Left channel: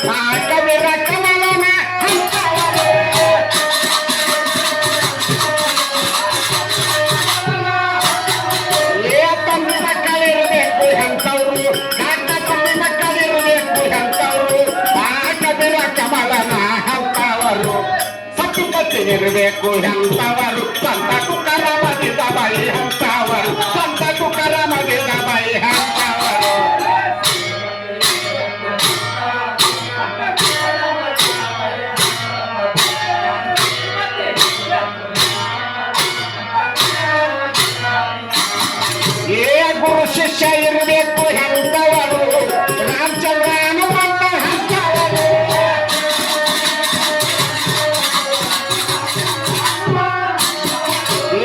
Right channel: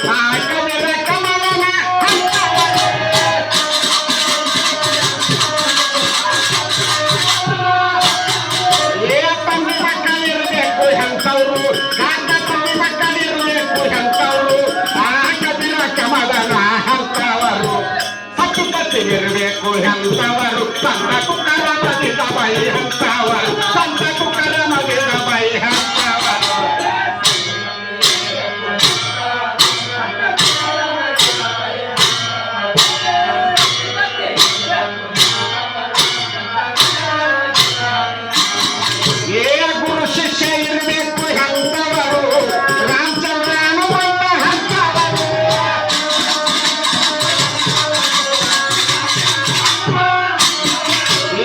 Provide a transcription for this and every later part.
ಕವಿರ ಕಮಲನ ಏ ತಂದ ಕಲಿರಬೇಕು ಎಂತವ್ರು ಗಂಡ ತಂದ ಕಲಿರಬೇಕು ಎಂತವ್ರು ಆ ಕವಿರ ಕಮಲನ ಹಂತವರು ಸತ್ತುಕತ್ತಿರಬೇಕು ಎಂತವರು ತಂದ ಕುಕರ ಮಗಿದ ಬೈ ಹಂತವರು ತಂದ ಕುಕರ ಮಗಿದ ಬೈ ಹಂತವರು ಏ ಗುರು ಶಿಷ್ಯ ಇರಬೇಕು ಎಂತವರು ರಾಮಚಂದ್ರನು ಬಂದ ಹಂತವರು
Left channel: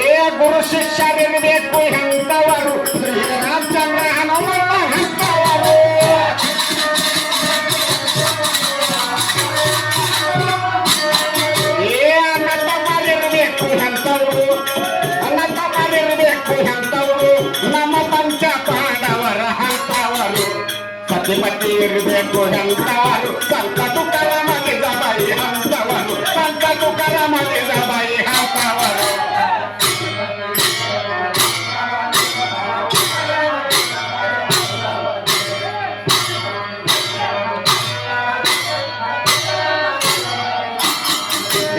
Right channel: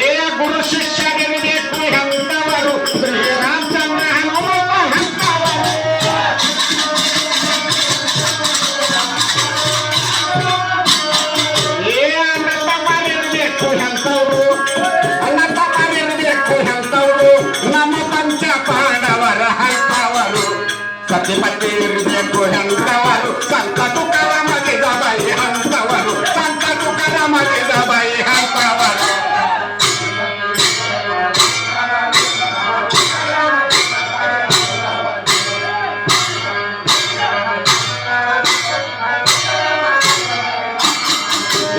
ಏ ಗುರು ಶಿಷ್ಯರಿರಬೇಕು ಎಂತವರು ಶ್ರೀರಾಮಚಂದ್ರ ಹನುಮಂತ ಹಂತವರು ಏ ಅಣ್ಣತಮ್ಮರಿರಬೇಕು ಎಂತವರು ಅಣ್ಣತಮ್ಮರಿರಬೇಕು ಎಂತವರು ನಮ್ಮ ಪಂಚ ಪಾಂಡವರ ಹಂತವರು ಸತಿಪತಿ ಇರಬೇಕು ಎಂತವರು ಸಂತ ತುಕರ ಮಗಿದ ಬೈ ಹಂತವರು ಸಂತ ತುಕರ ಮಗಿದ ಬೈ ಹಂತವರು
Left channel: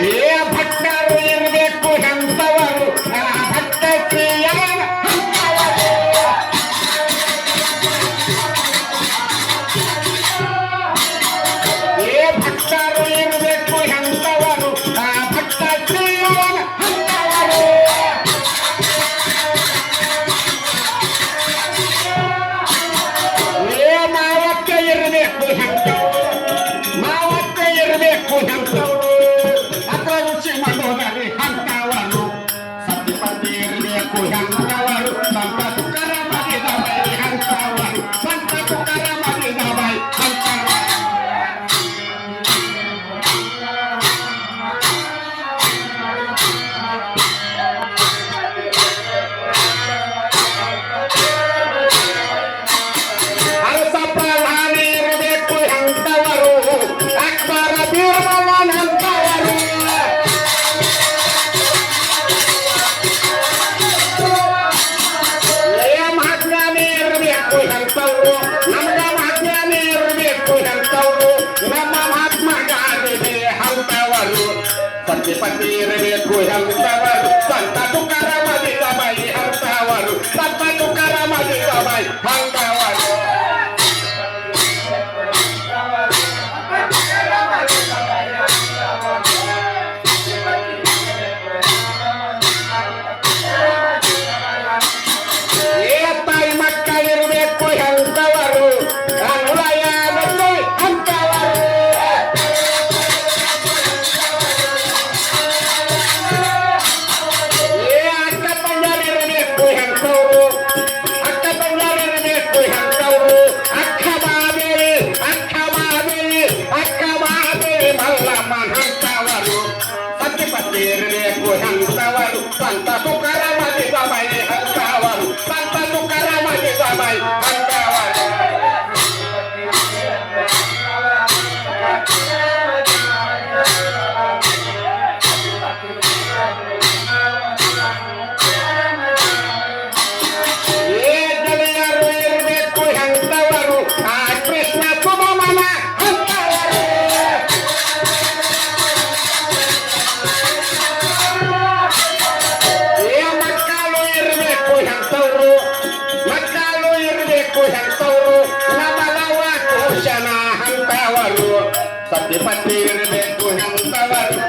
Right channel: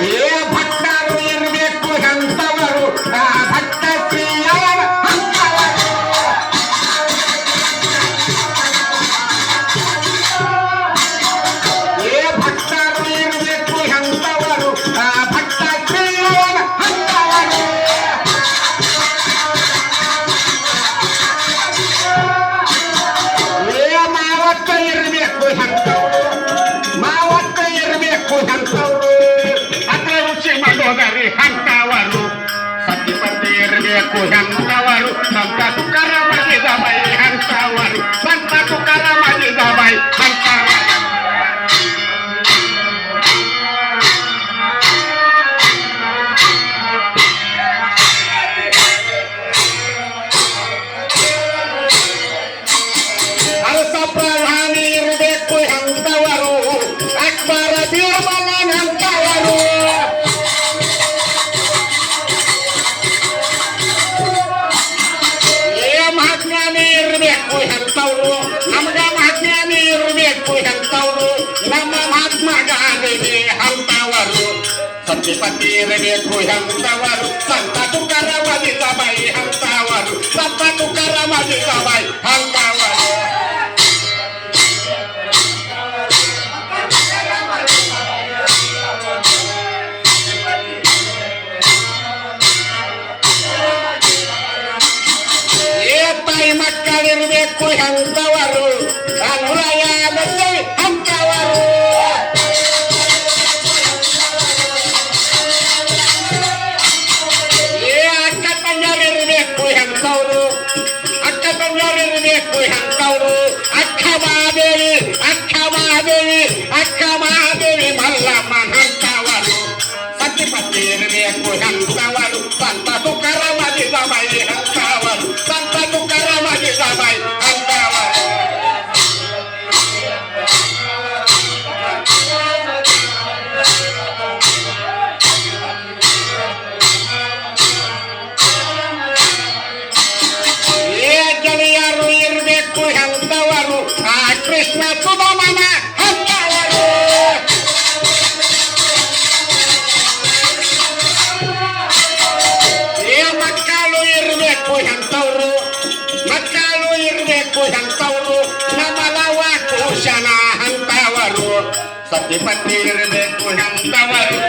ಏ ಭಟ್ಟರು ಇರಬೇಕು ಎಂತವರು ಆ ಭಟ್ಟ ಶ್ರೀಯನ ಹಂತವರು ಏ ಭಟ್ಟರು ಇರಬೇಕು ಎಂತವರು ಆ ಭಟ್ಟ ಶ್ರೀಯನ ಹಂತವರು ಏ ಮಾವತ್ತ ಇರಬೇಕು ಎಂತವರು ಮಾವತ್ತ ಇರಬೇಕು ಎಂತವರು ಅಪರುಚಿ ಮನೋದರಿ ಹಂತವರು ಸತಿಪತಿ ಇರಬೇಕು ಎಂತವರು ಸಂತ ತುಕರ ಮಗಿದ ಬೈ ಹಂತವರು ಸಂತ ತುಕರ ಮಗಿದ ಬೈ ಹಂತವರು ಅರಸ ಪ್ರಧಾನಿ ಇರಬೇಕು ಎಂತವರು ಅಕ್ಬರ ಬೀರ್ಬಲನ ಹಂತವರು ಏ ಮಹಾಜ್ಞಾನಿ ಇರಬೇಕು ಎಂತವರು ನಮ್ಗ ಮಹಾಜ್ಞಾನಿ ಇರಬೇಕು ಎಂತವರು ನಮ್ಮ ಮಹಾತ್ಮ ಗಾಂಧಿ ಹಂತವರು ಸತ್ಯಪತಿ ಇರಬೇಕು ಎಂತವರು ಸಂತ ತುಕರ ಮಗಿದ ಬೈ ಹಂತವರು ಸಂತ ತುಕರ ಮಗಿದ ಬೈ ಹಂತವರು ಏ ತಾಯಿ ಮಕ್ಕಳಿರಬೇಕು ಎಂತವರು ಅನ್ವಯದಲ್ಲಿ ಹಂತವರು ಏ ಅಕ್ಕ ತಂಗಿಯರಿರಬೇಕು ಎಂತವರು ಅಕ್ಕ ತಂಗಿಯರಿರಬೇಕು ಎಂತವರು ಅಕ್ಕ ಮಾದೇವಿ ಅಕ್ಕ ಮಾದೇವಿ ಅಕ್ಕ ಮಾದೇವಿ ಮಲ್ಲಮ್ಮನ ಹಂತವರು ಸತ್ಯಪತಿ ಇರಬೇಕು ಎಂತವರು ಸಂತ ತುಕರ ಮಗಿದ ಬೈ ಹಂತವರು ಸಂತ ತುಕರ ಮಗಿದ ಬೈ ಹಂತವರು ಏ ಗೆಳೆಯರು ಇರಬೇಕು ಎಂತವರು ಆ ಕೃಷ್ಣ ಸುಧಮನ ಹಂತವರು ಏ ಮಕ್ಕಳು ಇರಬೇಕು ಎಂತವರು ಮಕ್ಕಳು ಇರಬೇಕು ಎಂತವರು ನಮಲವ ಕೋಶನ ಹಂತವರು ಸತಿಪತಿ ಇರಬೇಕು ಎಂತವರು